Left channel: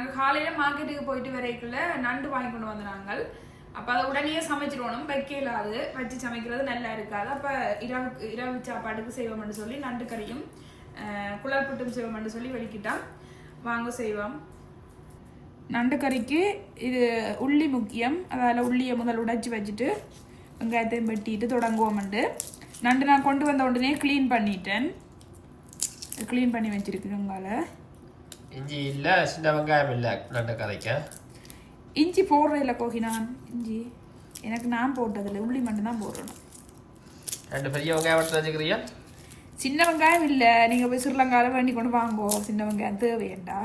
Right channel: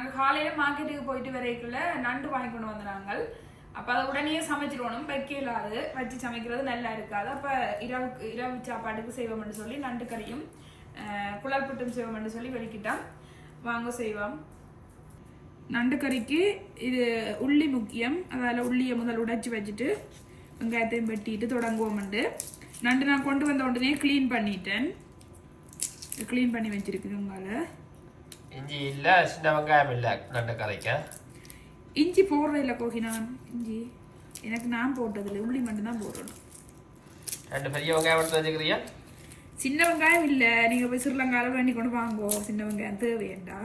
நாங்கள் காலையில் மார்க்கெட்டுக்கு போயிட்டு வரைக்குள்ள நண்டு வாங்கி கொண்டு வந்தாங்க. அப்போ அதை உடனே சமைச்சிடணும், வைக்க இல்லாது வச்சு சமைக்கிறது நல்லா இருக்காது. அப்போ இரவு சாப்பாட்டுக்கு செய்வோம்னு சொல்லி நண்டு கறியும் குழல் புட்டும் செய்வோம்னு சொல்லி வெளிக்கிட்டோம். வாங்க செய்வோம். நண்டு கறிக்கு இது உள்ளி முக்கியம். அதில் உள்ளியை முதல் உடைச்சி வச்சுட்டு வெங்காயத்தையும் வெட்டிட்டு தொடங்குவோம்ண்டு. நண்டு நான் கொண்டு வந்த உடனே க்ளீன் பண்ணிட்டேன். க்ளீன் பண்ணி வச்சிருக்குதுங்கால. இஞ்சி இல்லை, சின்ன வெங்காயம் இல்லை நண்டு கறிக்க. இஞ்சி போடுறதில்ல கோகினான். இஞ்சி எனக்கு நான் போட்டதில்லை, உள்ளி மட்டும்தான் போடணும். 2 பெரிய வெங்காயம் எடுத்து வச்சுக்கிறியா? சின்ன வெங்காயம் இல்லை, நீங்கள் போய் ஸ்ரீலங்காவில் வேண்டி கொண்டு வாங்குவோம். சின்ன வெங்காயம் தேவையண்டா.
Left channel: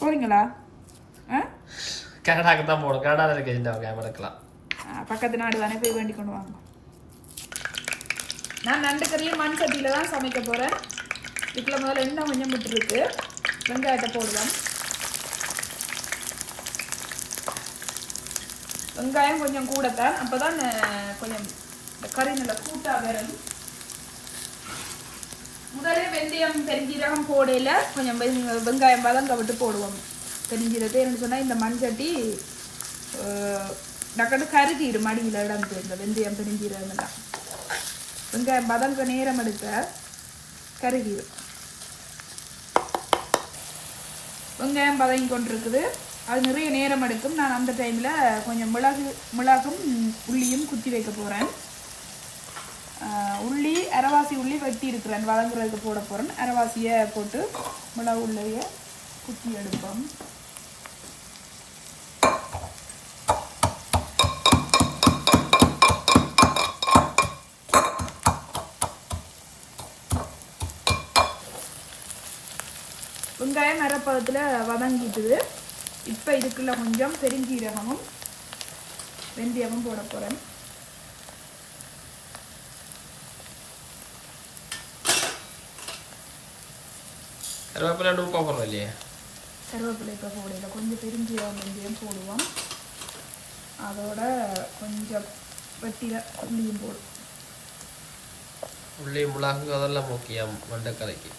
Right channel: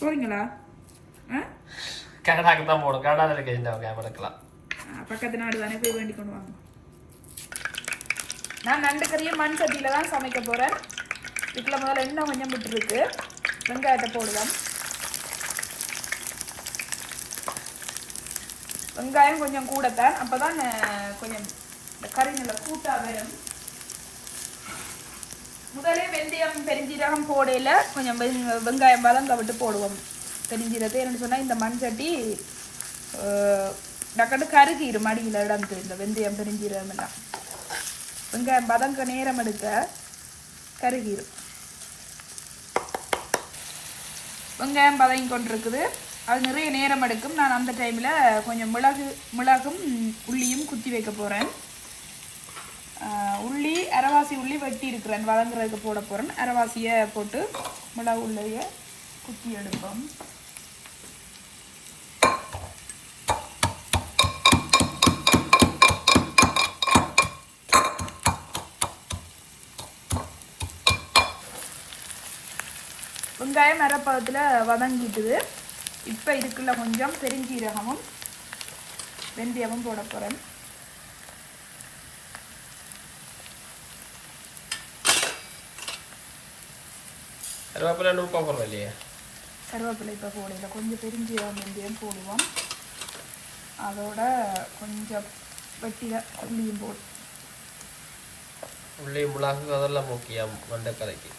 போறீங்களா? கனடாக்கு தான் போகணும். கனடாவில் இருக்க சின்ன வெங்காயம் எடுக்கலாம். பக்கத்து நாடு தானே, போய் வேண்டி கொண்டு வாங்க. நான் நண்டு கறியும் மண் சட்டியில் தான் சமைக்க போகிறேன். இதில் முதல்ல எண்ணெய் கொஞ்சம் விட்டுருக்கு. வெங்காயத்தை போடுவேன். வெங்காயம் கொஞ்சம் கூடத்தான், அப்போ தான் கொஞ்சம் கறி நல்லா கூட்டாக வரும். முதலே வெந்தயம் பெருஞ்சீரகம் போடையில் கொஞ்சம் வெங்காயம் வதங்க விட்டு போடுவோம். பெருஞ்சீரகத்தை என்ன சொன்னால் இந்த மண் சட்டி டக்கட்டு கருகிடும் மடியில் இடம் கொடுங்க. வெந்தயம் பெருஞ்சீரகம் எல்லாம் வெங்காயம் வதங்க நேரம் எடுக்க கருகிடும். வெங்காயம் வதங்கி கொண்டிருக்குது. அது நிறைய நேரம் எடுக்கும். நான் அந்த டைமில் கொஞ்சம் மிளகும் உள்ளியும் குத்தி வைக்க போகிறேன். உள்ளி அரைவாசி உள்ளி வெட்டி இருக்கிறேன், வதங்குறதுக்கு போட போகிறேன். அரைவாசியை போட்டு மிளகு உள்ளியை குத்தி எடுப்போம். வெங்காயம் அரைப்பதத்தில் வதங்கிட்டுது. இப்போ இதுக்குள்ள கொஞ்சம் பெருஞ்சீரகமும் வெந்தயமும் போட போகிறேன். கருவேப்பிலை போடுறோம் இல்லையா? கருவேப்பிலை இப்போ போடல, கொஞ்சம் பெருஞ்சீரகம் வெந்தயம் போடுவோம். அதோட கொஞ்சம் வெட்டில உள்ளியும் போடும். உள்ளி மிளகு அதெல்லாம் முக்கியம் மண்டை கரைக்கு.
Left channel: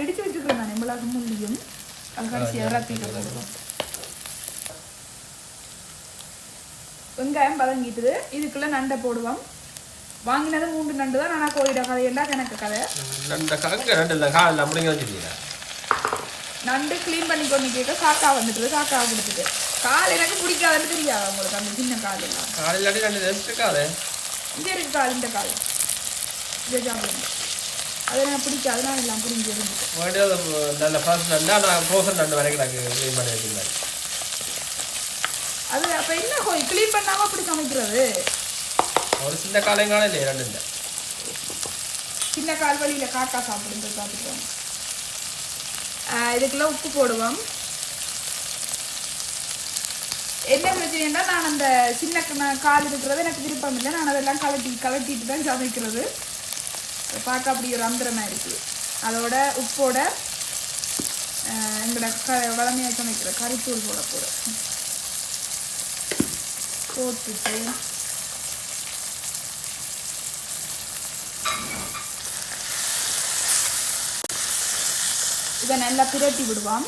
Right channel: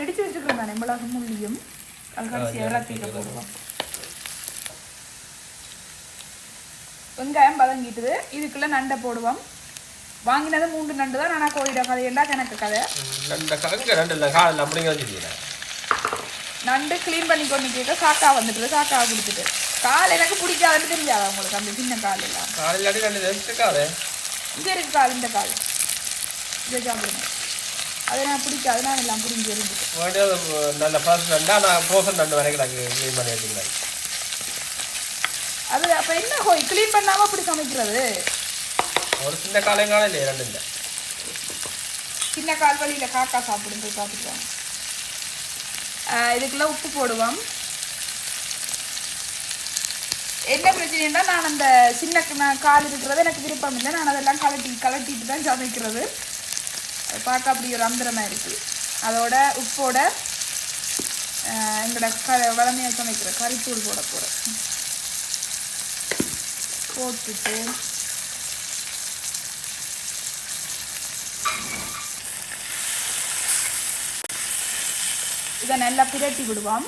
எடுத்து வச்சுக்கலாம் தானே மிளகு உள்ளியும். அது கடைசி இறத்திட்டு போடுவோம். வெங்காயம் வதங்கிட்டுது. இதுக்குள்ள நண்டை போடுவோம். வாங்கினது 3 நண்டு தான். ஆனால் கோயிட கதையெண்டா எனக்கு கதை. நண்டு க்ளீன் பண்ணி கொண்டு சாக்கா வந்துட்டு சாக்கா கொடுத்துட்டு கால் எனக்கு பிடிக்காதுன்னு தெரியாது அவங்களுக்கு. அந்த சின்ன கால் எல்லாம் காலையில் இருக்காது. இங்கே இருக்கு கால், இந்த கால் அதை நான் பிடிக்காது. நான் எல்லாம் புரிஞ்சு இருந்துட்டு நல்ல ஃப்ரெஷ் நண்டு. ஆனால் ஃப்ரோசன் நண்டு வரைக்கும் நாங்கள் க்ளீன் பண்ணி வச்சுக்கிறேன். அது அப்போ என்ன போய் க்ளீன் பண்ணாமல் அப்படி சமைக்கிறது? ஒரு சின்ன காலையும் இல்லையே, 2 இல்லை. சின்ன கால் வழியில் காக்கா சாப்பிடுங்க பார்த்துக்குவோம். இதுக்கெல்லாம் உப்பு போடுவோம். என்ன பிரச்சனைன்னா நான் அந்த சின்ன கால் இருக்கிறது எனக்கு விருப்பம் இல்லை. நான் அதெல்லாம் கலட்டிட்டு தான் சமைக்கிறது. பார்க்க அப்படி ஒரு அந்தரமாக இருக்குது. அதோட உப்போட எங்களோட உடனே சமைக்கிற கறித்தூள் போட போகிறோம். போட்டுட்டு இதை நல்லா பிரட்டி விடுவோம்.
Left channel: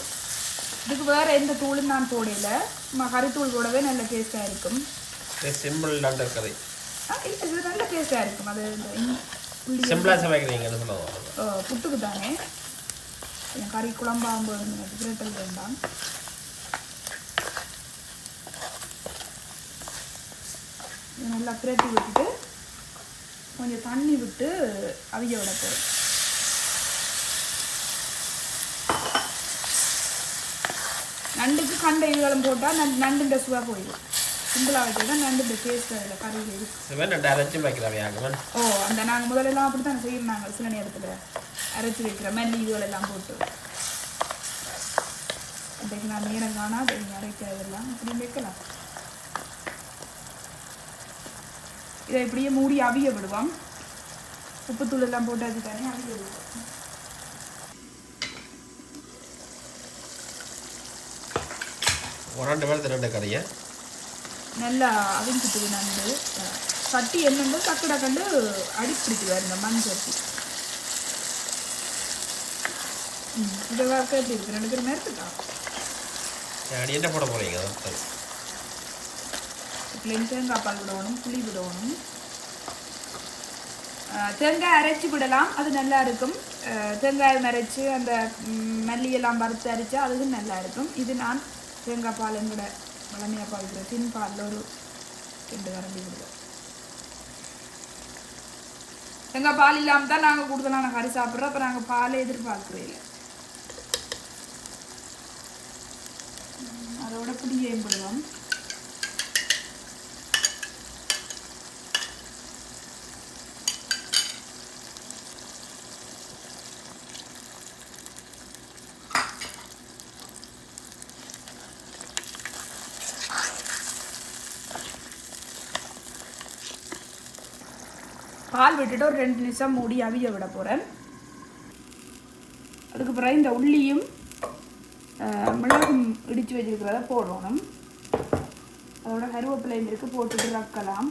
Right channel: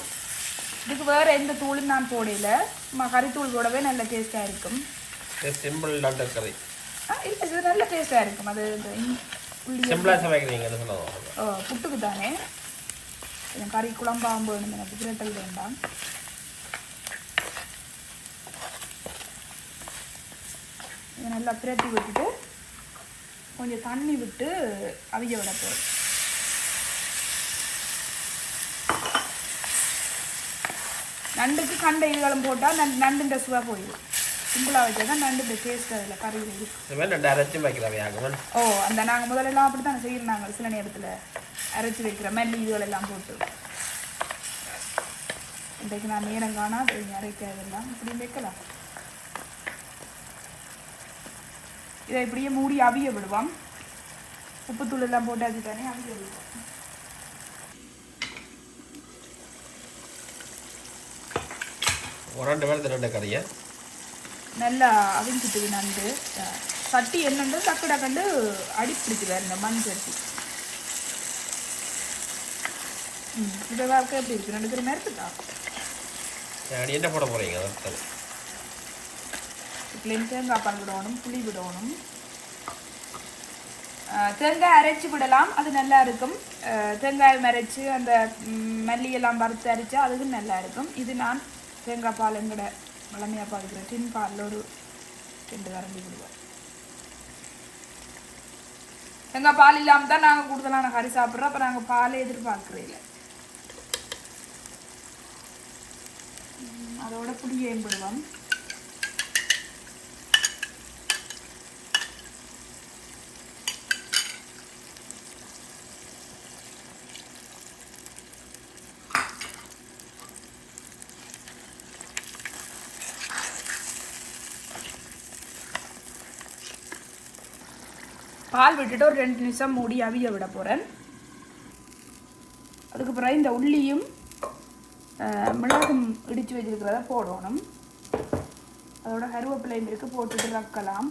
இதுக்கு வேறு எந்த தூளும் நான் போடல. கறித்தூள் போடவே நல்ல டேஸ்ட்டாக இருக்கும். சிம்பிள் நண்டு கறி இது நல்ல டேஸ்ட்டாக இருக்கும். அது சிம்பிளாக சமைக்கிறீங்கன்னு சொல்லுவோம். புட்டுக்கு தானே கறி குழம்பாகும்போது எனக்கு பிரட்டல் வேண்டாம். இதை நல்லா பிரட்டி விட்டுட்டு கொஞ்சம் தண்ணி விட்டு அவிய விட போகிறேன். நண்டுக்கு கண்டை இதுகளும் போட்டால் நண்டுன்ற சுவா போடுவோம். சிம்பிளாக வச்சா தான் நண்டு டேஸ்ட் அதில் கறி நண்டு அரைச்சி வைக்கிறவையாகும். அந்த நாங்கள் முதலெல்லாம் அப்படி தான் செய்யணும். நாங்கள் சில நேரத்தில் அரைச்சி வைக்கிற மல்லி இதுகளெல்லாம் போட்டு. இன்றைக்கு நான் நேரம் காணா அரைக்கிறதெல்லாம் இப்படி வைக்கலாம். இதை இப்படியே மூடி அவிய விடுவோம். உப்புத்தூள் எல்லாம் போட்டாச்சு பண்ணி அவிய விடுவோம். ஒரு 2 பேர் கறியை நல்லா அவிஞ்சிட்டு நண்டு சட்டி என்னண்டு டக்கு டக்கண்டு அடிப்பிடிச்சுவார் இந்த மண் சட்டி. இதை எப்படி இருக்கு 2 பேரும் எடுத்துட்டா நீ என்ன போட போகிறீங்க அதான் இதுலேயும் தேங்காய் பால் விடணும், புளி விடணும். தேங்காய் அரைச்சி விடலாம், அது நல்லா இருக்கும். தேங்காய் அரைச்சி அந்த மல்லியெல்லாம் வறுத்து அரைச்சா அதுவும் நல்லா இருக்கும். இது நான் தேங்காய் பால் எங்கூட வளமையாக பாய்க்கிறேன். டின் பாலில் ஒரு 2 கரண்டி விடுவேன். தேங்காய் பால் இல்லாமல் தான் நாங்கள் கூடுதலான கறி சாப்பிட்றோம். அப்போ நாங்கள் பாலை எதிர்பார்க்குறே இல்லை. அதோட புளியையும் போடுவோம். பால் விட்டுட்டு ஒரு 2 நிமிஷம் மூடி அவிய விட போகிறேன். அதுக்கு பிறகு இந்த உள்ளியும் மிளகும் இடித்து வச்சிருக்கிறத போடணும். அதோட கருவேப்பிலையும் இருக்குது, போட்டுட்டு ரக்கலாம்.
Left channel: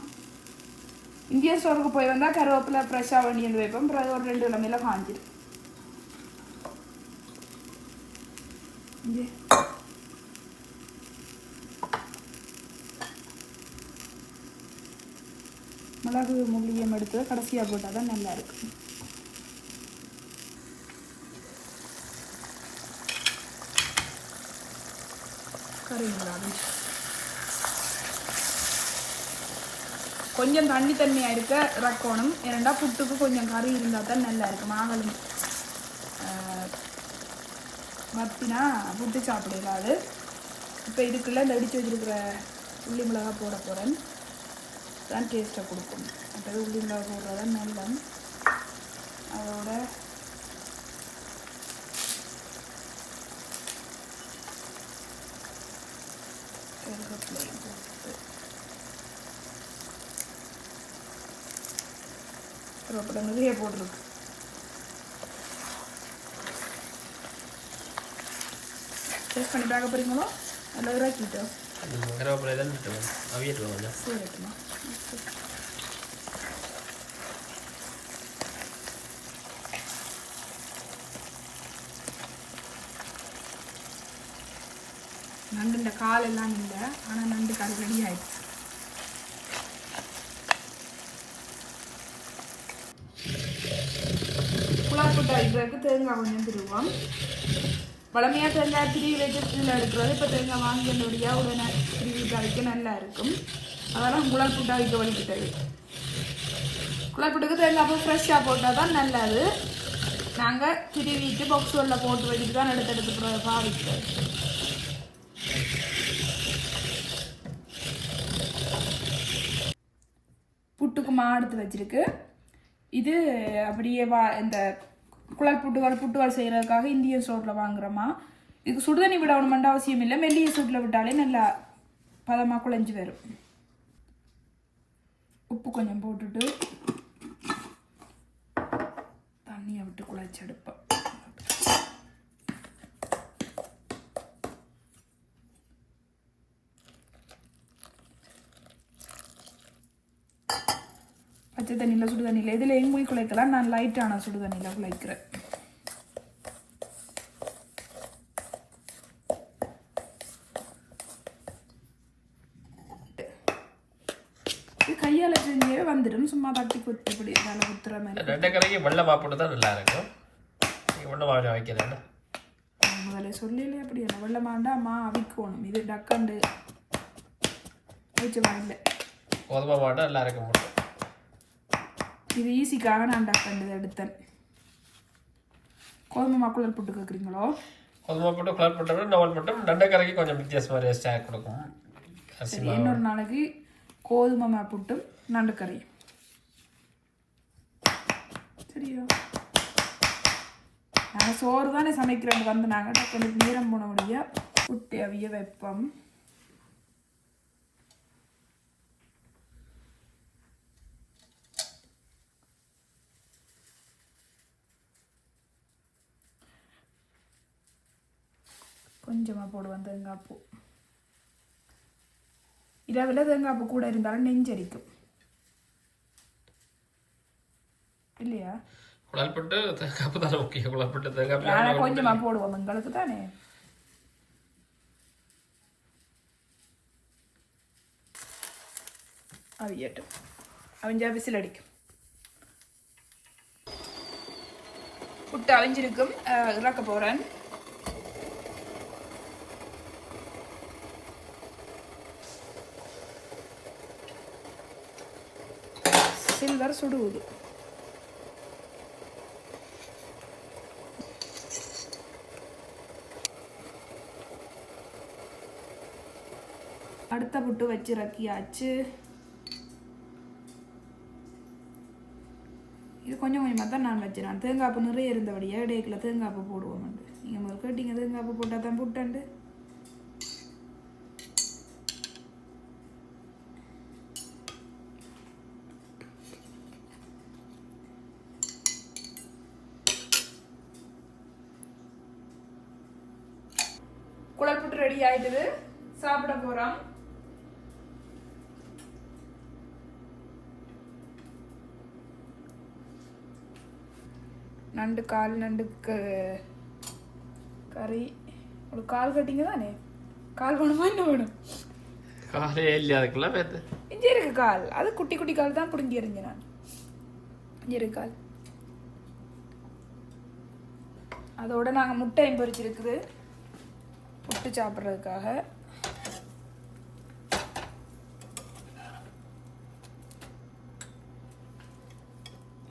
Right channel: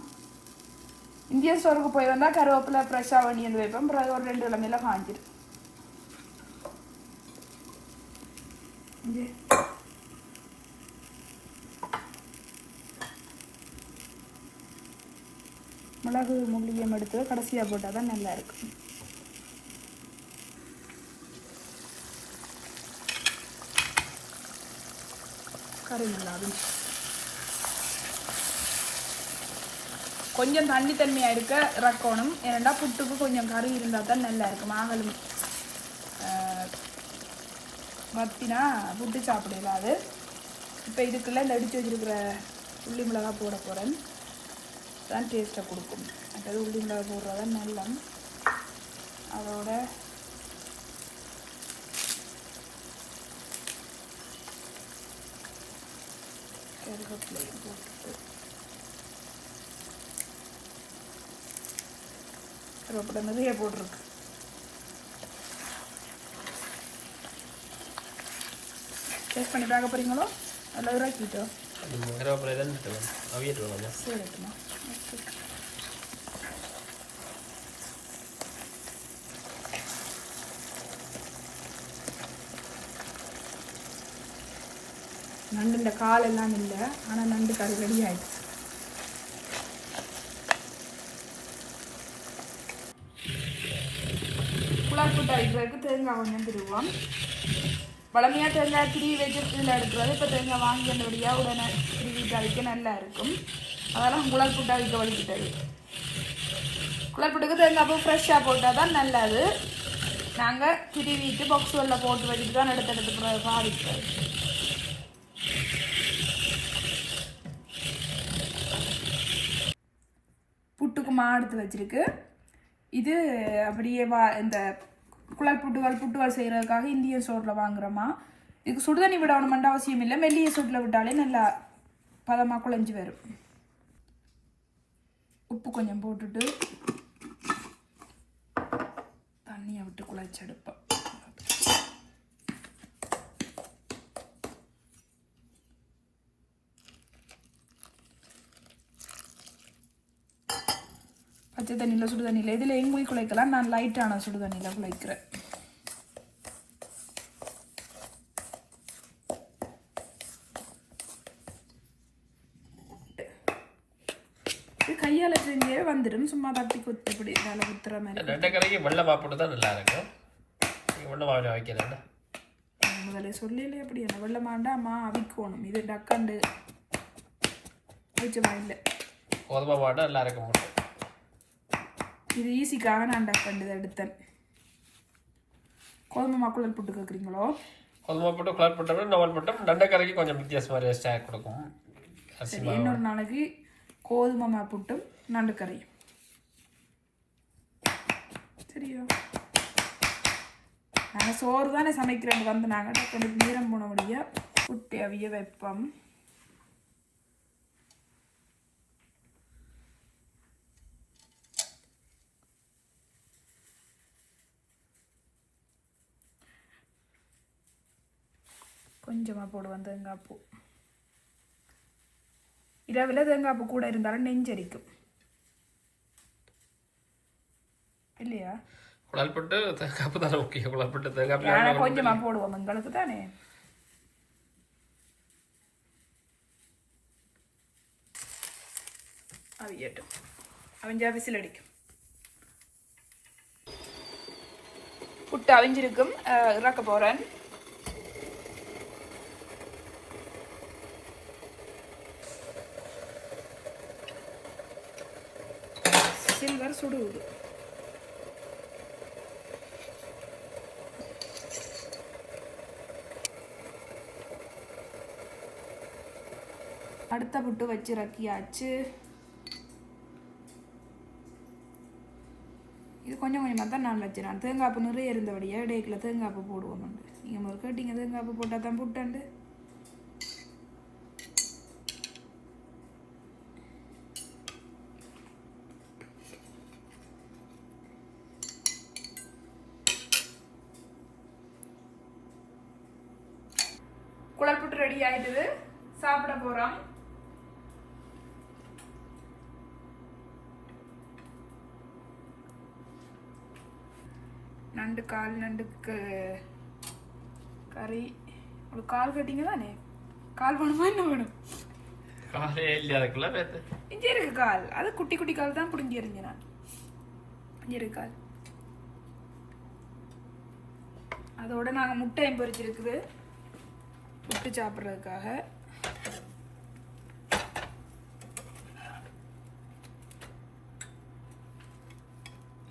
இந்திய ஸ்டோருக்கு போய் வந்தால் கருவேப்பிலை ஃப்ரெஷ்ஷாக வேண்டியது வைப்போம். பிறகு ஒரு 2 கிழமையில காஞ்சிடும். மிளகு முள்ளியம் எடுத்து கடைசியாக போட்டால் தான் நல்லா இருக்கும். கொஞ்சம் தண்ணியாக இருக்க இறக்கணும். ஏன்னா புட்டுக்கு கொஞ்சம் கறி இருந்தால் தான் நல்லா இருக்கும். நாங்களும் மத்தினா புட்டு சாப்பிடுவாது. இப்போ இதுக்குள்ளே இந்த அடித்து வச்சுருக்கிற உள்ளி மிளகாய் போட போகிறேன். தான் டேஸ்ட்டை கொடுக்கும். அப்போ உள்ளி மிளகாய் போடுறதான் நல்லா. அதோட கருவேப்பிலை நிறைய போட்டிருக்கு. டேஸ்ட் பண்ணி பார்க்க போகிறீங்களோ? நல்லா இறாக்கிட்டு கருவேப்பிலை தான் அவியட்டு கொஞ்சம் சரிம்மா. நண்டு கால் எல்லாம் இல்லை, ஆனால் நண்டு கறி ரெடி ஆயிடுச்சு. புலாப்புட்டு அடிக்கிறதுக்கு தேங்காய் கொஞ்சம் திருவோம். பழமையாக தேங்காய் திருவி வச்சு இதில் எடுக்கிறது. இப்போ தேங்காய் வாங்கி வந்தபடியாக உடனே திருவிட்டு அடிக்க நல்லா இருக்கும். அதெல்லாம் குழல் புட்டு அடிக்க வலிக்கிட்டது. குழல் புட்டுக்கு தேங்காய் பூ ஃப்ரெஷ்ஷாக போட்டால் தான் நல்லது. நாங்கள் திருவிட்டு பாக்ஸுகளில் போட்டு வச்சுட்டு தான் எடுத்து பாவிக்கிறது. புட்டுக்கு எடுத்து வச்சிருக்கு. இது அப்படியே இந்த குழல் புட்டுகள் செய்கிறதுக்காக இந்தியன் ஸ்டோரில் வாங்குகிறோமா. இதுக்கு சுடுதண்ணி விடணுமென்ற அவசியம் இல்லை. மெல்லிய சூட்டில் விட்டாலே நல்லா பதமாக குழஞ்சி வரும். உப்பு கொஞ்சம் போட்டுட்டு தண்ணியை விட்டு குழச்சி எடுப்போம். பச்சை தண்ணியில் சுடு தண்ணியில் இதில் எங்கேயும் குழைக்கலாம். நான் லைட்டான சுடு தண்ணியில் குழைக்கிறேன். இது கையால் செஞ்சே வந்துடும். சும்மா தட்டி குத்தி இப்படி வேலை குத்துற மாதிரி. ரெண்டு கரைக்கு வெள்ளை மாப்பிட்டு தான் நல்லா இருக்கும். வெள்ளை மாவில வைக்கிறேன் முதல்ல சொல்லல. அப்படி என்ன வெள்ளை மாண்டாமா அவிக்கணும். இது டக்காண்டு வச்சு வாங்கல. கோதுமை மாட்டா நல்லா இருக்க மாட்டோம். இது ஈஸிக்காக நான் டக்காண்டு எடுத்தேன். கோதுமை குழல் புட்டு கேட்குறீங்களோ? கோதுமை போட்டு குழல் போட்டோம்னா நவல் போட்டோம். நண்டக்கரைக்கு கொஞ்சம் வித்தியாசமாக டேஸ்ட்டாக கொடுக்கும். இன்னொரு நாளைக்கு கோதுமை புட்டும் நண்டுக்கறி. சரியா? நாங்கள் சோறு தானே சமைக்கிறோம். வந்து நாங்கள் கொஞ்சம் நேரம் போன முடியாது புட்டு அவிய வைப்போம். கொஞ்சமாக போடுவேன் தேங்காய் பூ. இரவில் தேங்காய் பூ கூட இருந்தாலும் நெஞ்சரிக்கும் இல்லையா? குழல் போட்டு தேங்காய் பூ தானே முக்கியம். குழல் போட்டு தேங்காய் கொஞ்சமாக போடுவோம் எங்களுக்கு தானே. அவியட்டும். அவிஞ்சா விசில் அடிக்கும். புட்டு அவிஞ்சிருக்கும். இறக்க போகிறேன். சில்வர் சுடுவது. அடுத்த புட்டு வச்சு இறக்கியாச்சு. இது கொஞ்சம் கொஞ்சமாக தான் நான் வச்சுறேன். தேங்காய்ப்பு நிறைய இருந்தபடியா டேக்கில் தேங்காய்ப்பு போடுவோம். நீங்கள் முதல் கேட்டீங்க தேங்காய்ப்பு போட்டால் தான் புட்டாண்டு. குழல் புட்டு ரெடி ஆயிடுது. சாப்பிட போகிறோம். நண்டு கால், நண்டுக்கு கறி. ஒரு கால் கட்டிங்க தானே? கால் வேணுமா என்ன வேணும்? காலே இல்லையா அதுக்குள்ள பேத்து இங்கே இருக்கு கால். அது குட்டி குட்டி கால் தான் பிடுங்கி எறிஞ்சேன் நான். இங்கே இருக்கு கால். அதோட நாங்கள் முட்டையும் பொரிச்சிருக்குது முட்டை சாப்பிட்றதுக்காக.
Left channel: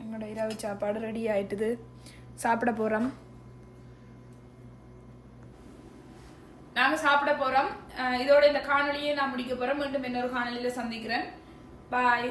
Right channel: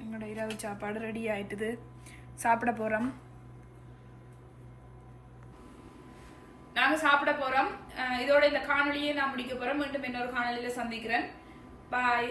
எங்களோட இரவு சாப்பாடு ரெடி ஆயிட்டுது. சாப்பிட போகிறோம். நாங்கள் சாப்பிட போகிறோம். இதோட இந்த காணொலியை நான் முடிக்க போகிறேன். மீண்டும் இன்னொரு காணொலியில் சந்திக்கிறேன். பாய்.